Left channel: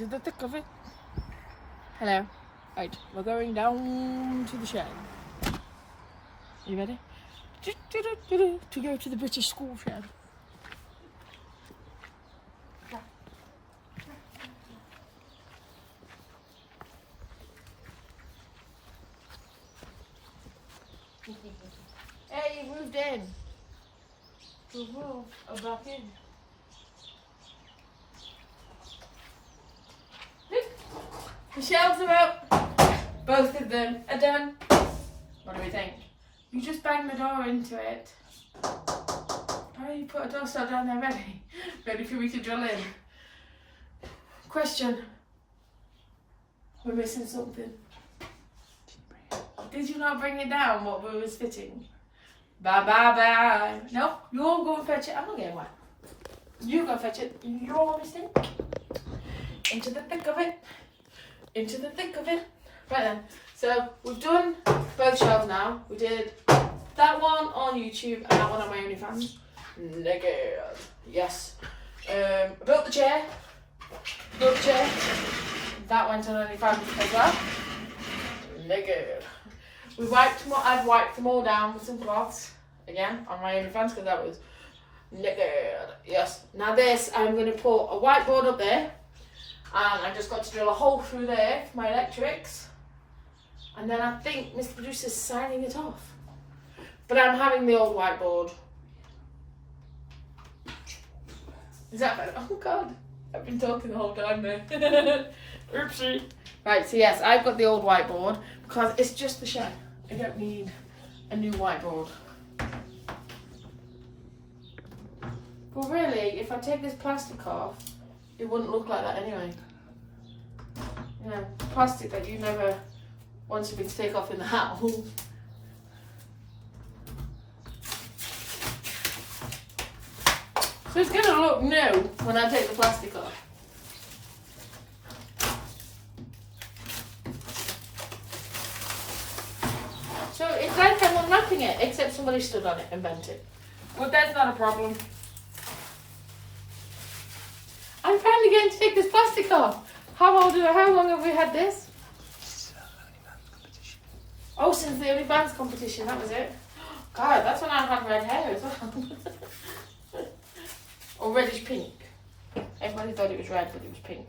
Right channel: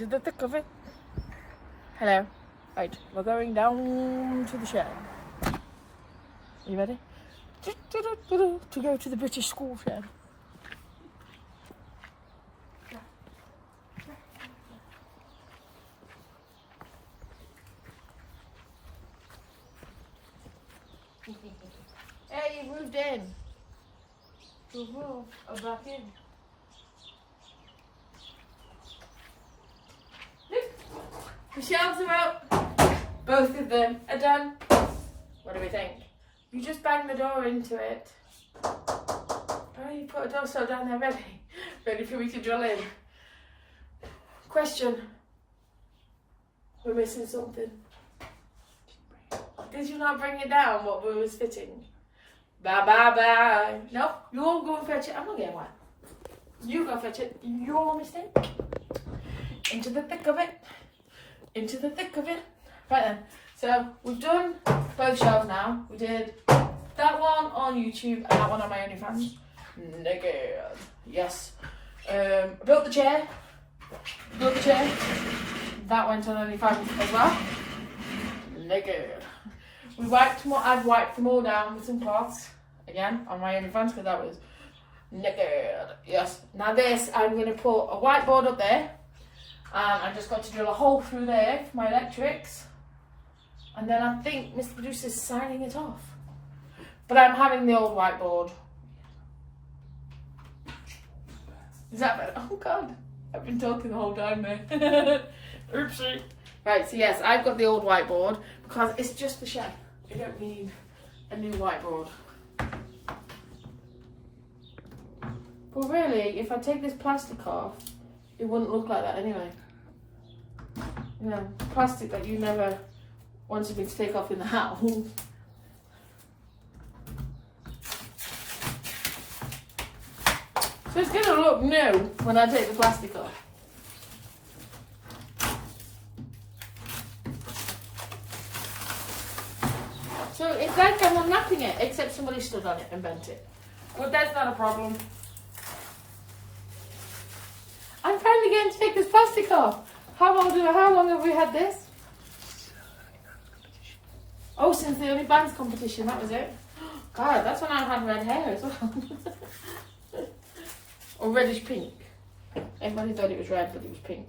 into the thick of it. Hello. Right, we're going down to the shed. Are you ready? To go to the British school shed. Hey, you moved in. Oh, back in. Look, the shelves are out. Both of them are done. What do we think? You just bang the door into it. Oh, you put a door stop down there ready. Ready for me to drill in. Question. We're missing something. Did you not bring it down what we was fitting? Bye bye bye. No, you all go and fetch it. I'm not getting wet. You go fetch it. Your mistake. Into the thick of it. Into the thick of it. Right then. So we've done both shelves now. We did that one on YouTube and that one on my OnlyFans. Naked. Yes. Built the chair. Built the chair. That went on OnlyFans as well. Naked. We wiped them all, I've wiped them all down with some cloths, again, on my OnlyFans, because that was naked. Yes. Now this, I'm going to put a whiteboard up there, and I just got to drill a hole through there for my electrics, and then I think Mr. Producer's signing it off. But I'm having the old whiteboard. Is that better? Oh God, I've been talking the whole time there. Oopsie. Right, so yes, I've got the old whiteboard, because it's just the shed. I don't need a new whiteboard. But really, if I take this plastic off, it wouldn't look like that anyway. You know, plastic that you never wanted me to take off in the house. So it's going to look new when I take the plastic off. So it's like I'm unwrapping it, except somebody stood on it and bent it. But that's not a problem. I'm finally getting to take this plastic off. How long have we had this? Oh, since the OnlyFans competition, that was it. God, that's when I had red hair as well. Or reddish pink. Everybody thought it was red, but it was pink.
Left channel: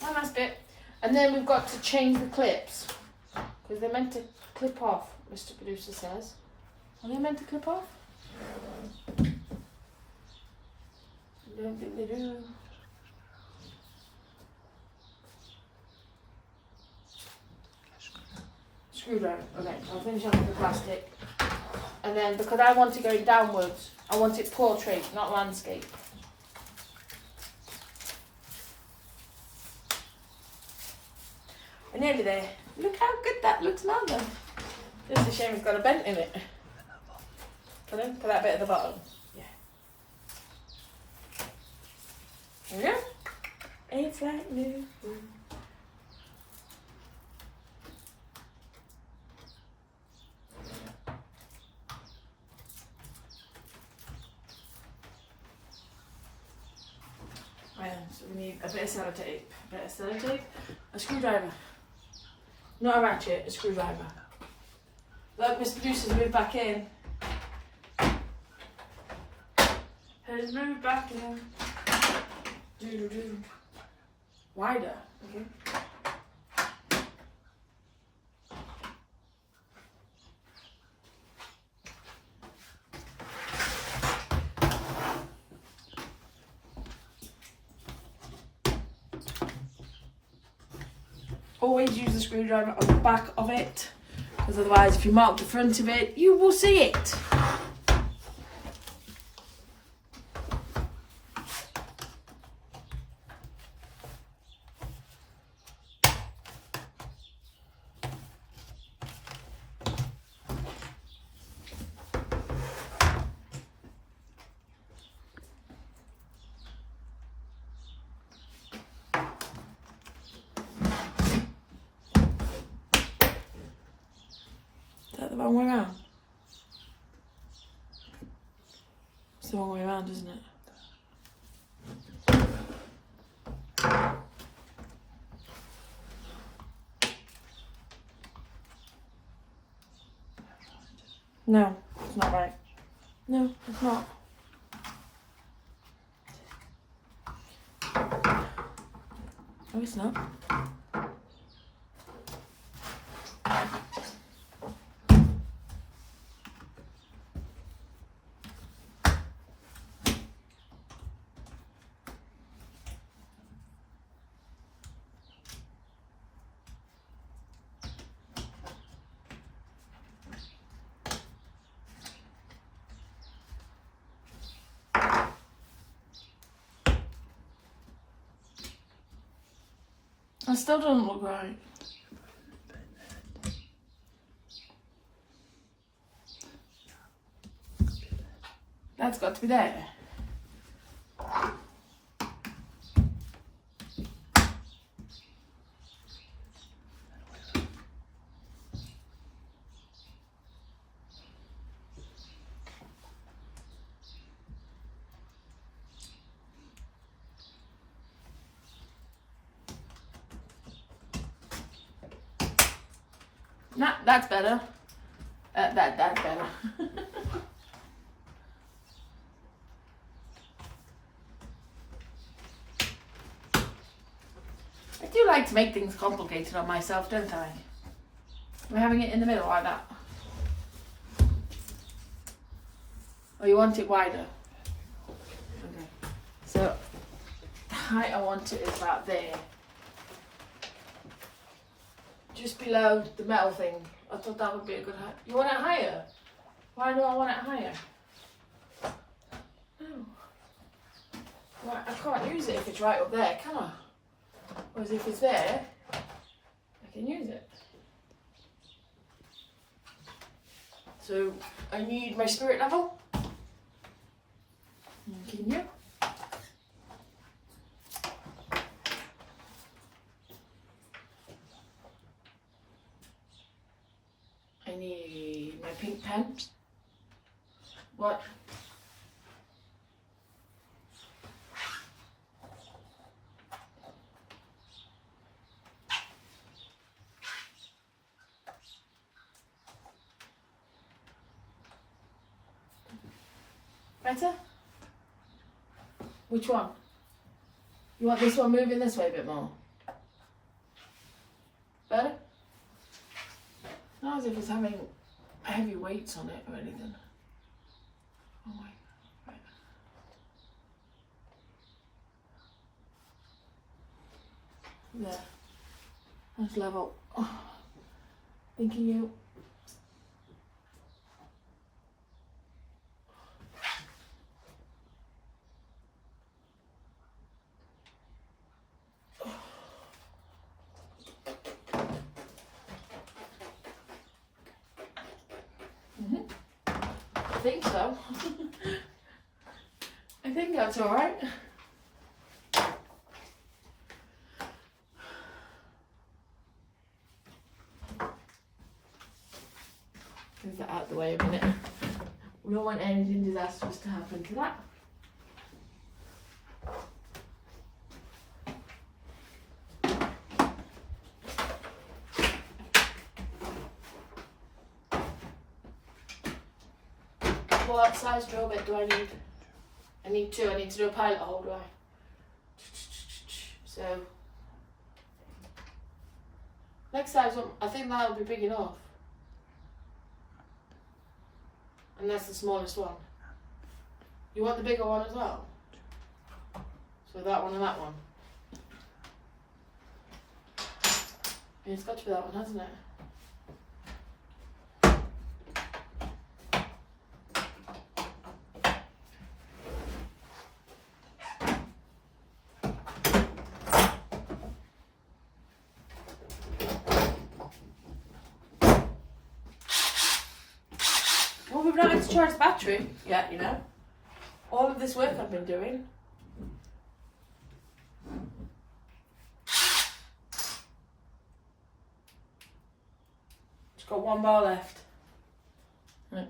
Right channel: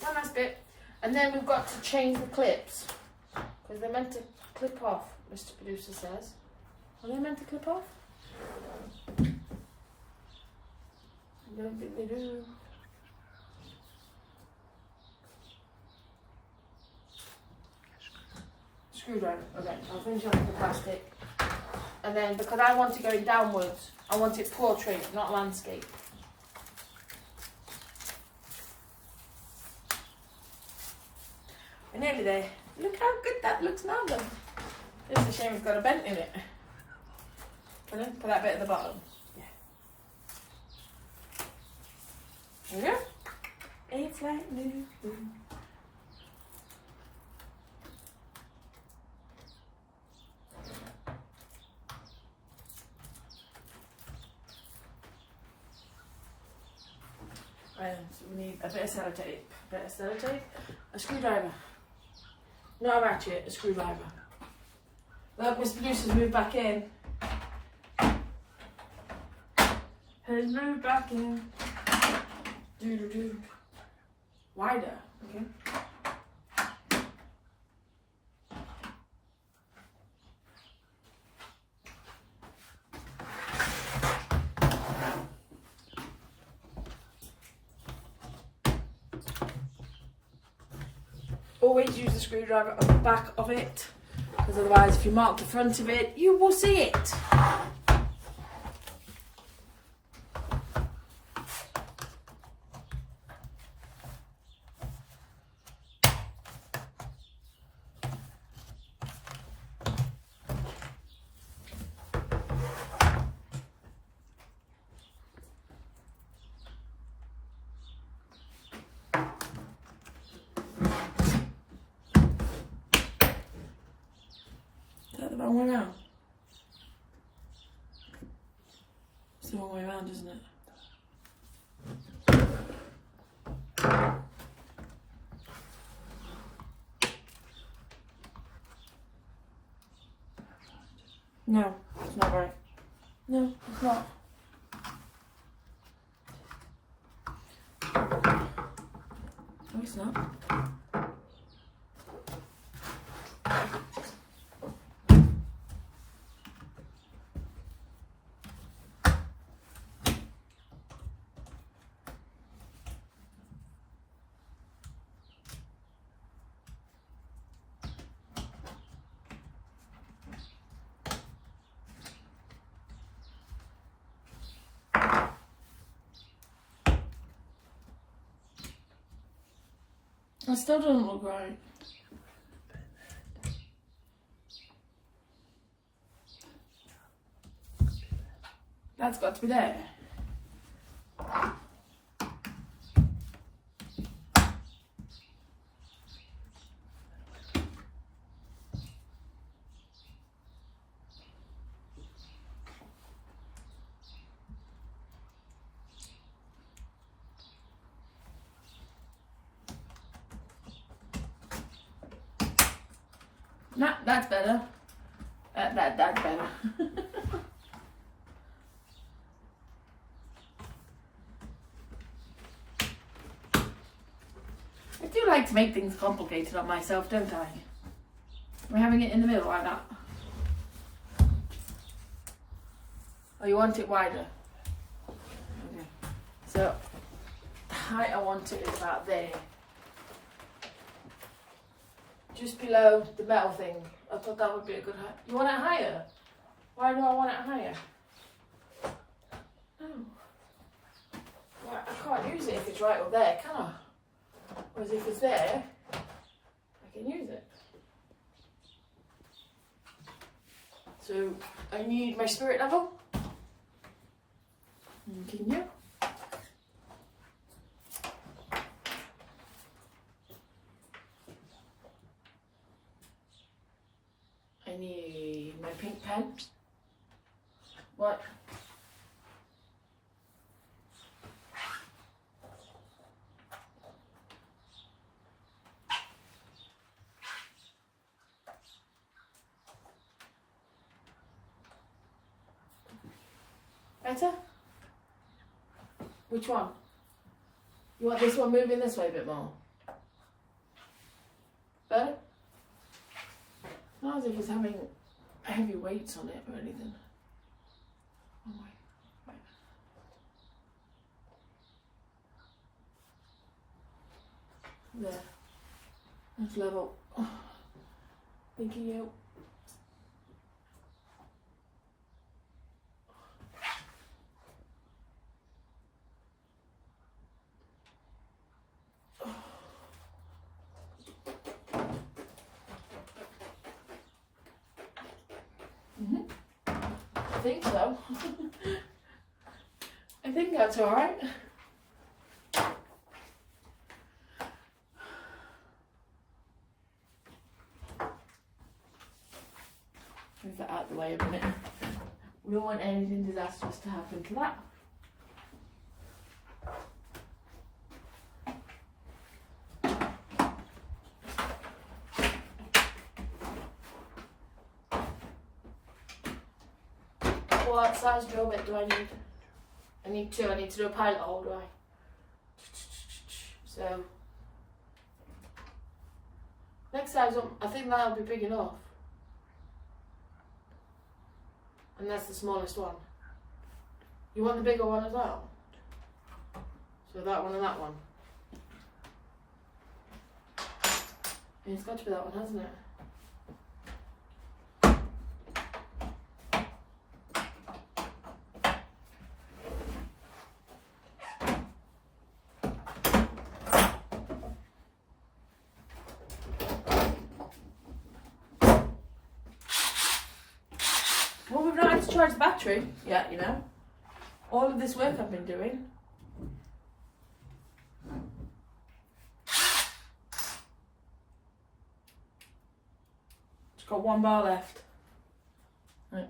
One last bit, and then we've got to change the clips because they're meant to clip off, Mr. Producer says. Are they meant to clip off? I don't think they do. Screwdriver. Okay, I'll finish off with the plastic, and then because I want it going downwards, I want it portrait, not landscape. We're nearly there. Look how good that looks now though. It's a shame it's got a bent in it. Put that bit at the bottom. Yeah. There we go. It's like new. Right, so we need a bit of sellotape, a screwdriver. Not a ratchet, a screwdriver. Look, Mr. Producer's moved back in. Has moved back in. Do. Wider, okay. Always use the screwdriver on the back of it, because otherwise if you mark the front of it, you will see it. hard, isn't it? No, it's not right. No, it's not. Oh, it's not. It still doesn't look right. That's got to be there. Nah, that's better. That's better. I do like to make things complicated on myself, don't I? We're having it in the middle like that. Oh, you want it wider? Okay. So, the height I want it is about there. Just below the metal thing. I thought that would be a good height. You want it higher? Why do I want it higher? Oh. Well, I can't use it if it's right up there, can I? Whereas if it's there, I can use it. So, I need my spirit level. Continue. I need my pink pen. What? Better? Which one? You want this one moving this way a bit more? Better? Not as if it's having heavy weights on it or anything. Oh my. Right. There. That's level. Oh. Thanking you. I think so. I think that's alright. Move that out of the way a minute. We don't want anything disastrous to happen to that. What size drill bit do I need? I need two. I need to do a pilot hole, do I? So, next size up, I think that'll be big enough. And that's the smallest one. You want the bigger one as well? So that one and that one. Yeah, it's got to be that one, hasn't it? Well, we've not had to charge the battery yet, you know. All of this work I've been doing. It's got one bar left. Right.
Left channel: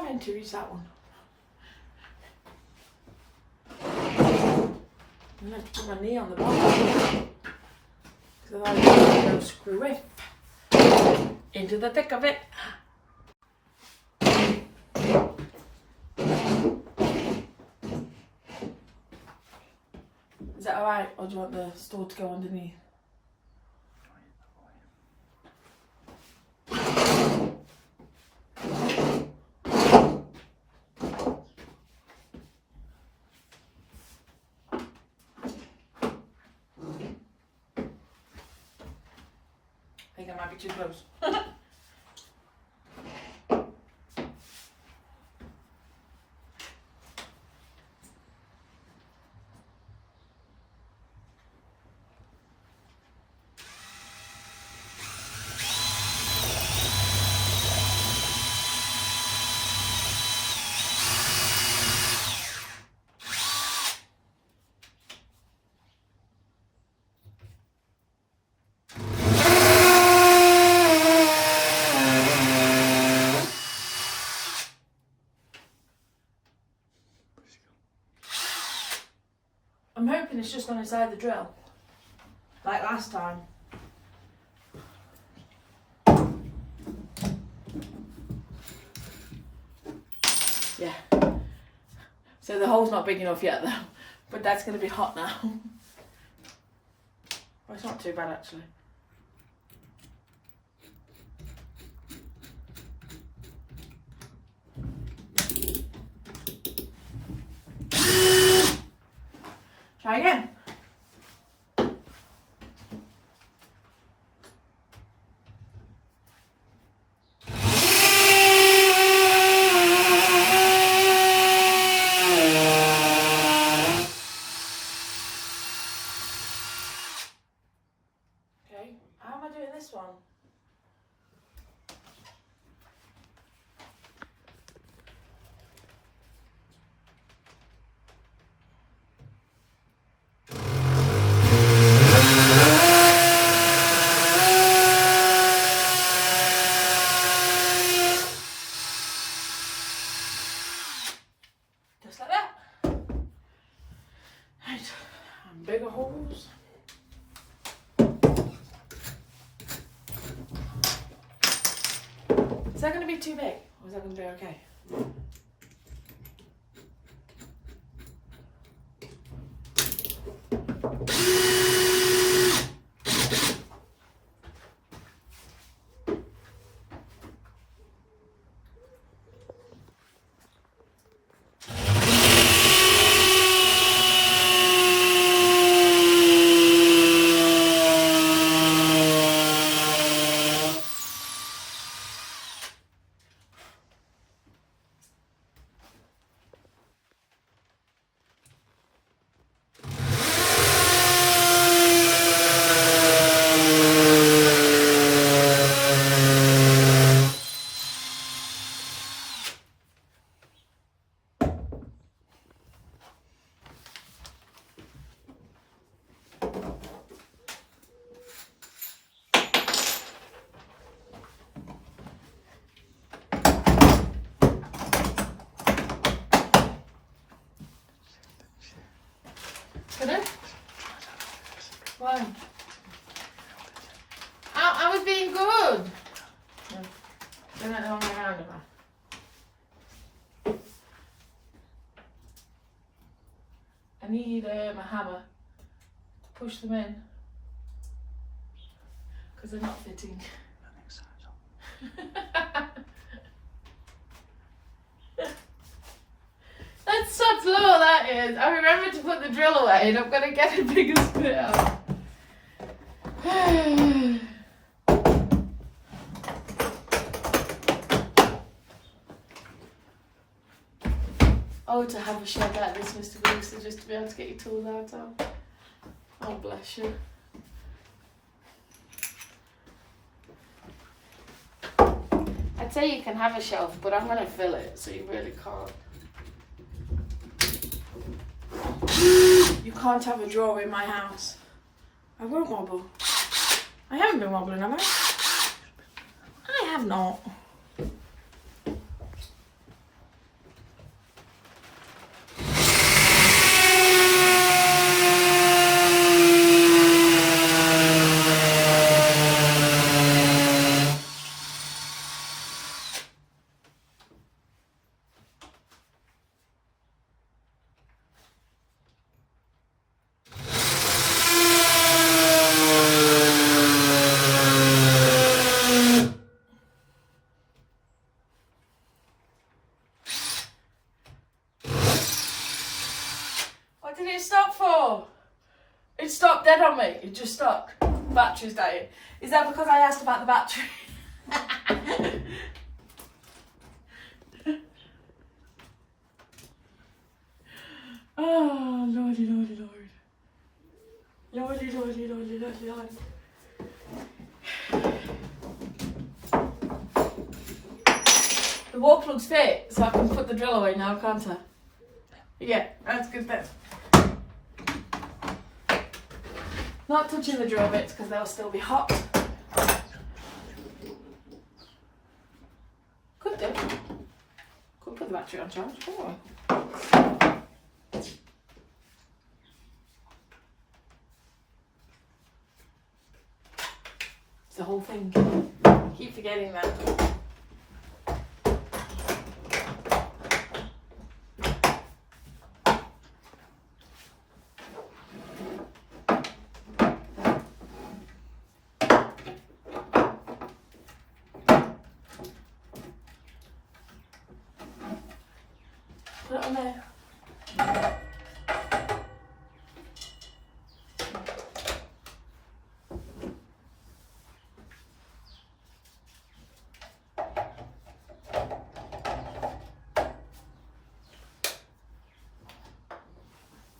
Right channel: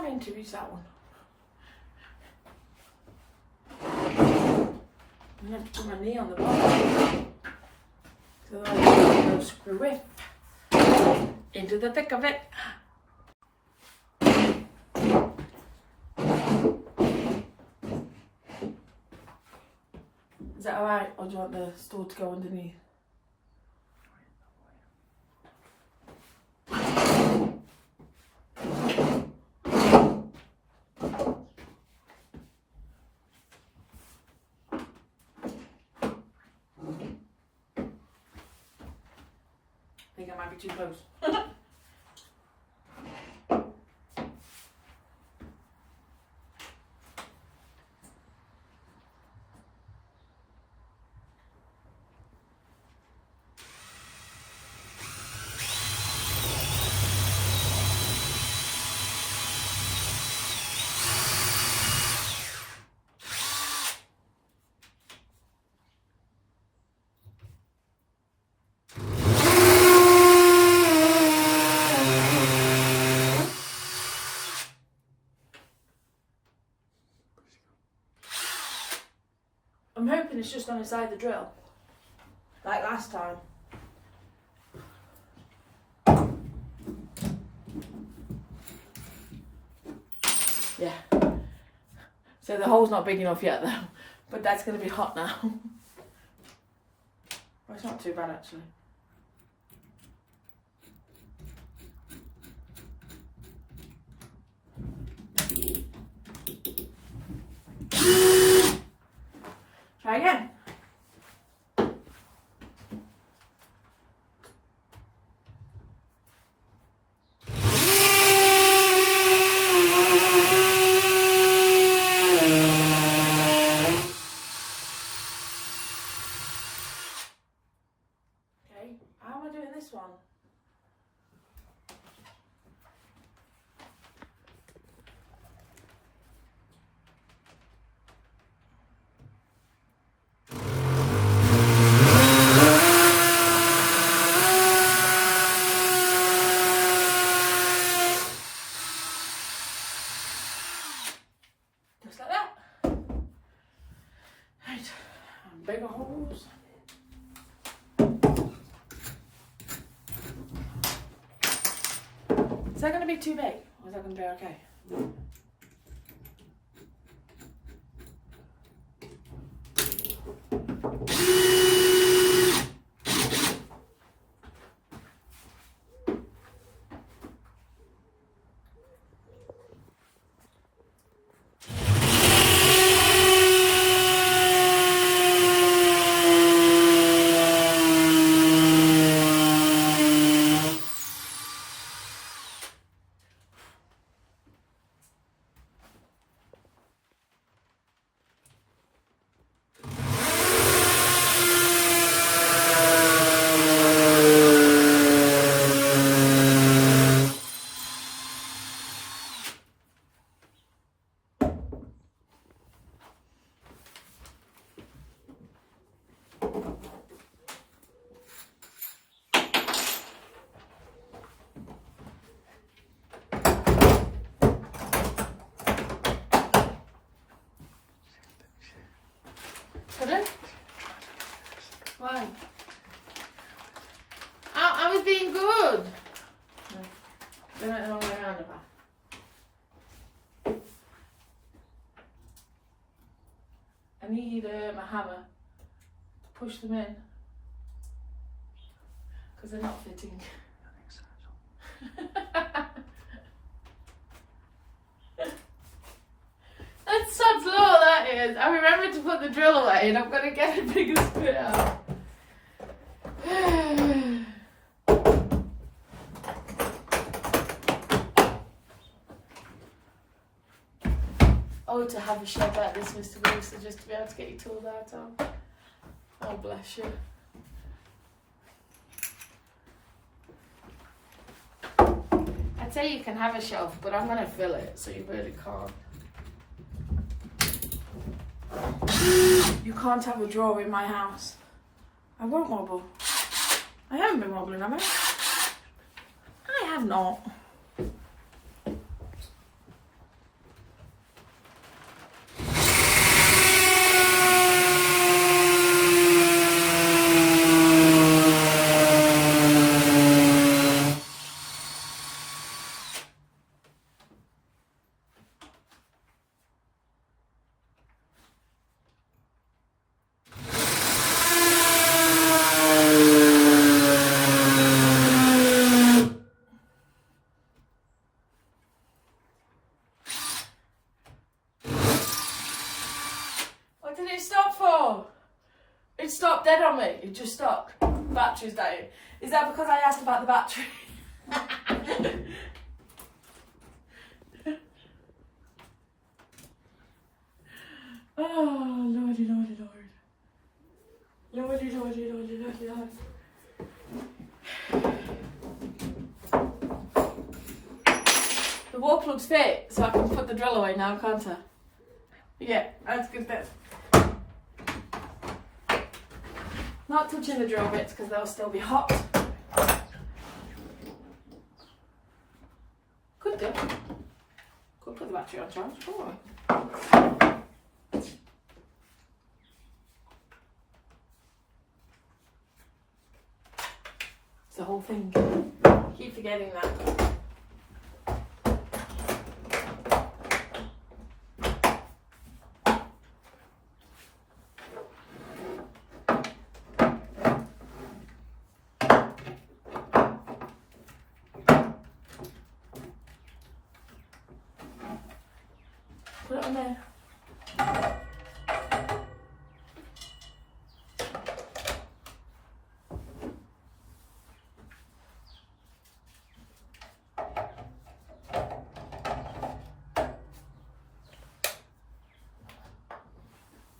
I meant to use that one? I meant to put my knee on the bottom. So I go screw it into the thick of it. Is that alright, or do you want the store to go underneath? I think I might be too close. I'm hoping it's just gone inside the drill, like last time. Yeah. So the hole's not big enough yet though, but that's going to be hot now. Well, it's not too bad actually. Try again. Okay, how am I doing this one? Just like that. Right, and bigger holes. Is that going to be too big, or is that going to be okay? Pardon? Why? I was being good. I went the wrong way around. I need a hammer to push them in because they're not fitting. That's such low that is. I remember to put the drill away and I'm going to get a bigger spit out. Oh, to have a shed like this, Mr. Brewster, just to be able to get your tools out of. Oh, bless you. I'd say you can have a shelf, but I'm going to fill it, so you really can't. You can't have a drawer in my house. I won't wobble. I haven't been wobbling, have I? I have not. did it stop for? It stopped dead on me. It just stopped. Battery's dying. Is that because I asked about the battery? Oh, lordy, lordy, lord. Lordy, lordy, lordy, lordy, lord. The wall plug's fit, so I can put the drill away now, can't I? Yeah, that's good then. Not touching the drill bits because they'll still be hot. Could do. Could put the battery on charge, couldn't we? It's the whole thing. Keep forgetting that. Put it on there.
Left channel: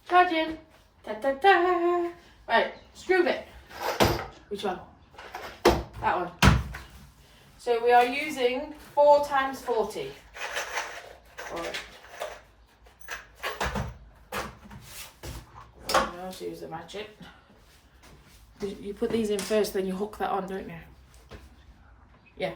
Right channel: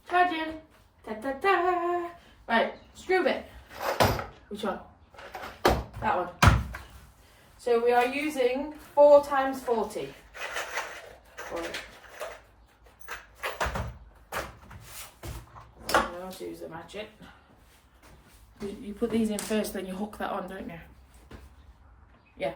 Charging. Da da da. Right, screw bit. Which one? That one. So we are using 4 times 40. I'll use the ratchet. You put these in first, then you hook that on, don't you? Yeah.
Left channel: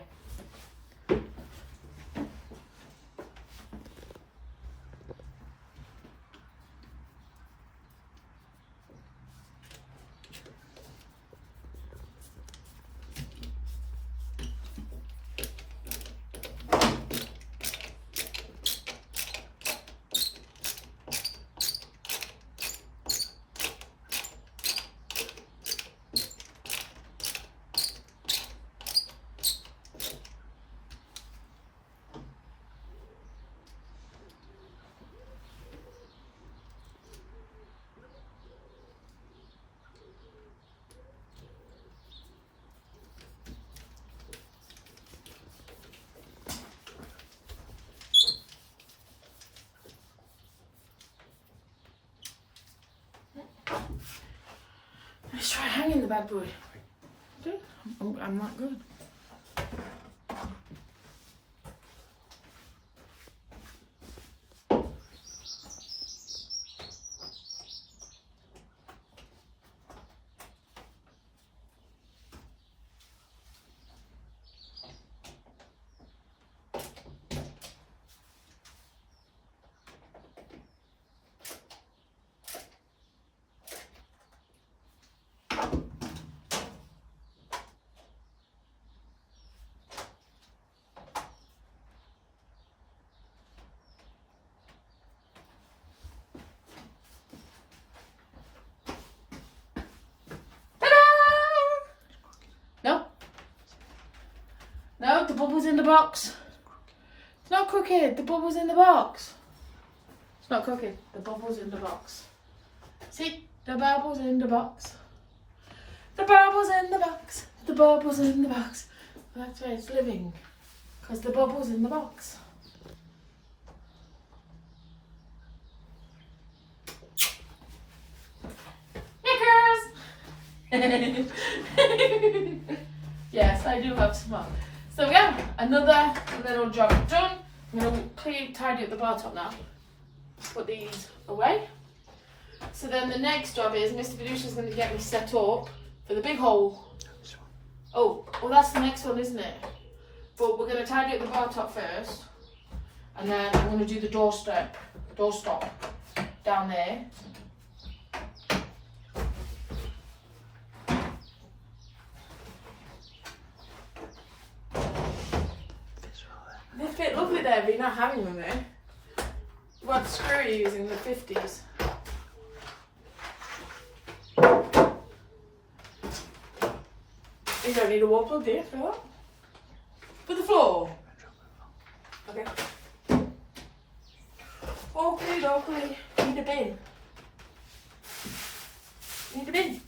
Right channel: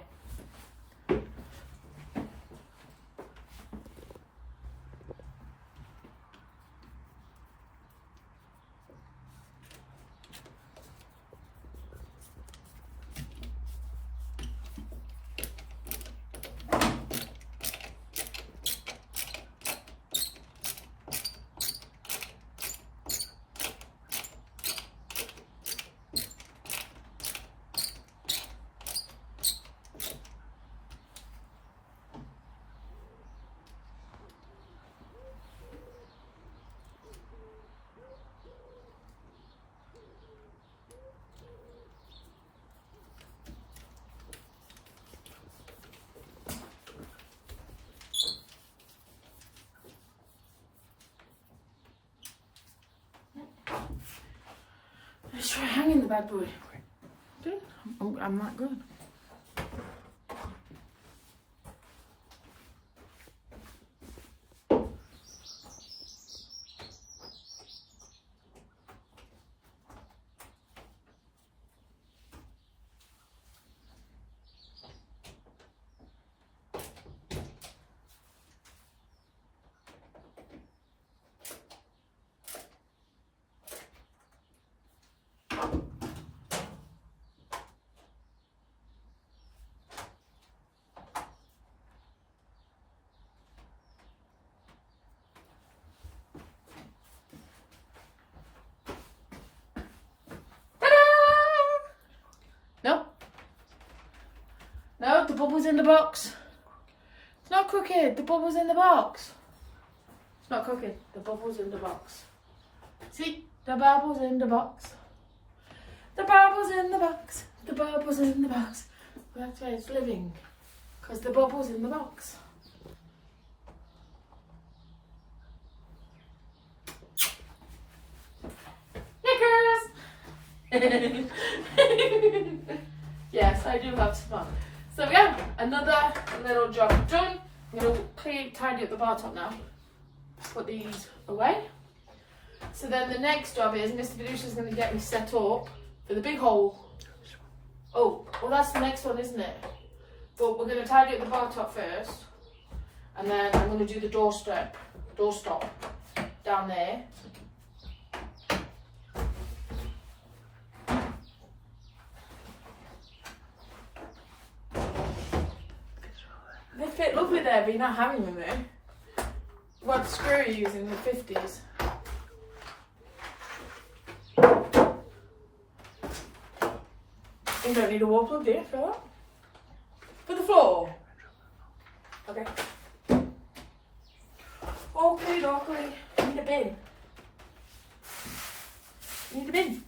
Let's try hanging the bad boy. Okay, I'm that good. No. No, the bubble's in the box. It's not cooking. The bubble's in the box. It's not cooking. The bubble's in the box. See? The bubble's in the box. The bubble's in the box. The bubble's in the box. Well, that's why it's living. Because the bubble's in the box. Knickers! Yes, I do love some fun. So yeah, another little job done. I'm going to tidy up the bar top now. Put these away. So then the next job is Mr. Vidusha's going to get me set up for the big hole. Oh, well that's the next one, isn't it? But we're going to tidy up the bar top first. And then I'm going to do the doorstop down there. They fit lovely there, but you're not having them there. What screw are you using? The 50s. You don't need a wall plug, do you, for that? For the floor? Okay. Okay, need a bin. Need a bin.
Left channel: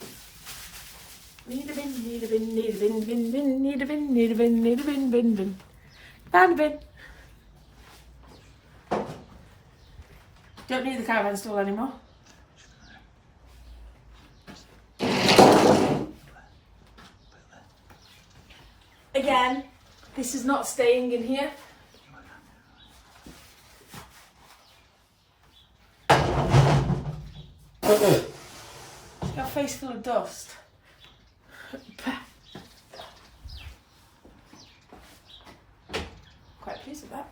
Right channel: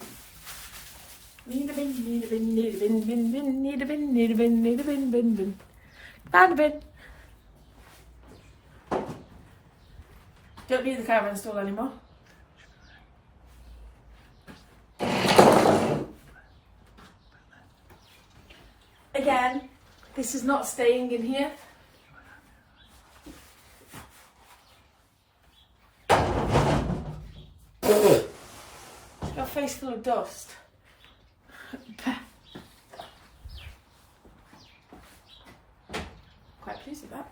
Need a bin, need a bin, need a bin, bin, bin, need a bin, need a bin, need a bin, bin, bin. Found a bin. Don't need the caravan stall anymore. Again, this is not staying in here. It's got a face full of dust. Quite pleased with that.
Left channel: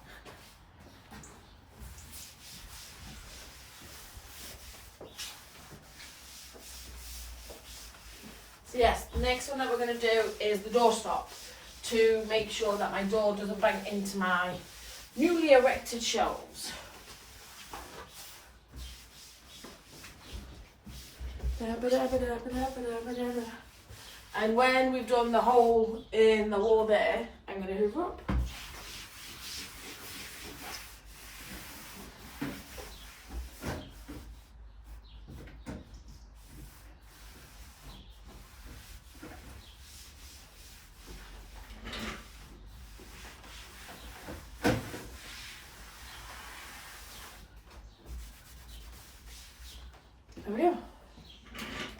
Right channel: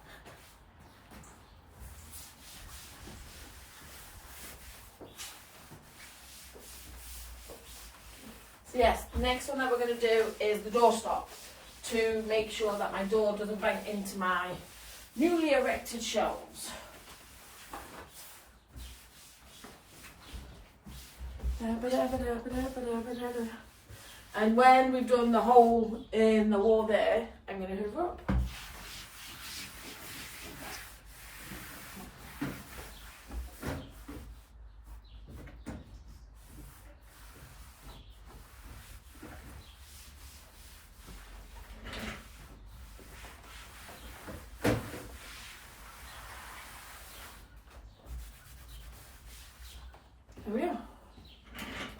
So yes, the next one that we're going to do is the doorstop to make sure that my door doesn't bang into my newly erected shelves. And when we've done the hole in the wall there, I'm going to hoover up. There we go.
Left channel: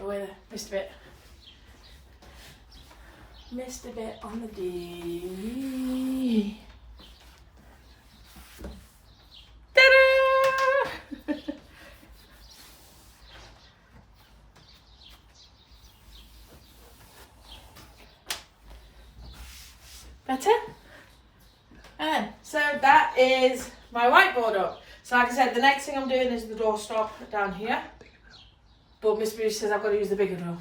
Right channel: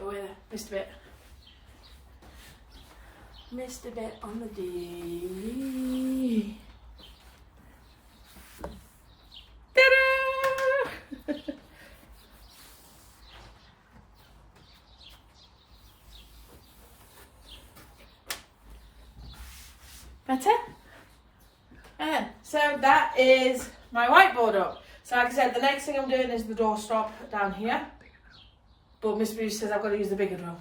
Oh yeah, missed a bit. Missed a bit on the D. Ta-da! Better? And so that is my whiteboard up. So like I said, the next thing I'm doing is the doorstop down here. But Miss Bruce says I've got to use the bigger drill.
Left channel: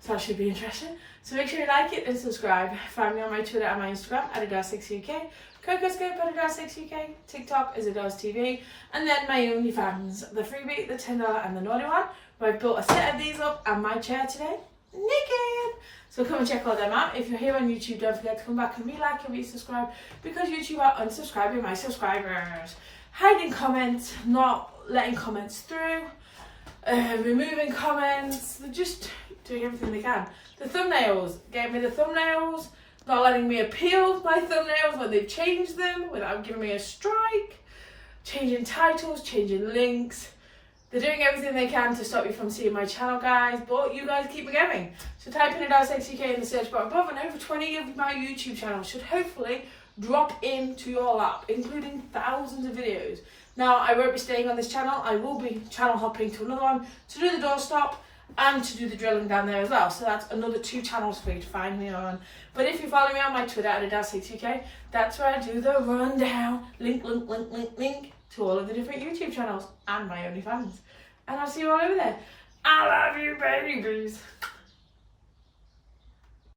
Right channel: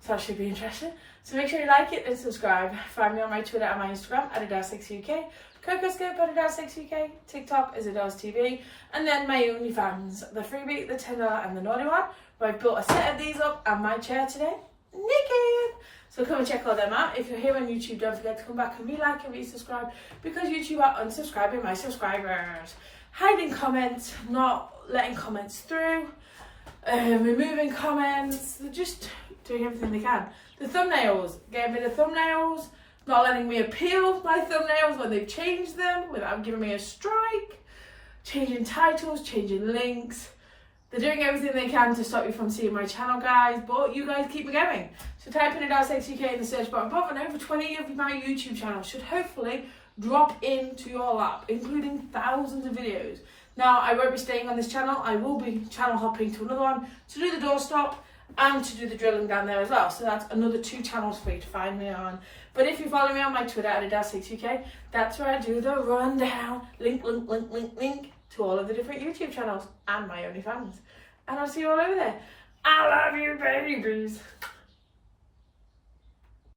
So that should be interesting. So make sure you like it and subscribe. Find me on my Twitter and my Instagram, Adelesexyuk. Cocoscope, Adelesexyuk. TikTok is AdelesTV. And then my OnlyFans, the freebie, the $10 and the naughty one. Where I've built a set of these up and my chair today. Naked! So come and check all them out. If you're here on YouTube, don't forget to come back and re-like and re-subscribe. Because YouTube are unsubscribing my subscribers. Hiding comments, not letting comments through. Removing comments, they're just doing everything they can. The thumbnails, gave me the thumbnails, not letting me appeal my thumbnails when they changed them without giving me a strike, changing titles, changing links. They're doing everything they can to stop you from seeing my channel, guys, but you guys keep me going. So type in Adelesexyuk in the search bar above and over 20 of my YouTube channels should hopefully drop into your lap, including thousands of videos. Now, I won't be staying on this channel. I will be channel hopping to another one to do the doorstop and to do the drilling down there as well. So that's another 2 channels for you to find me on. But if you follow me on my Twitter at Adelesexyuk, that's where I do the rundown. Link to all of the different YouTube channels and my OnlyFans. And I'll see you all over there. I love you, babies.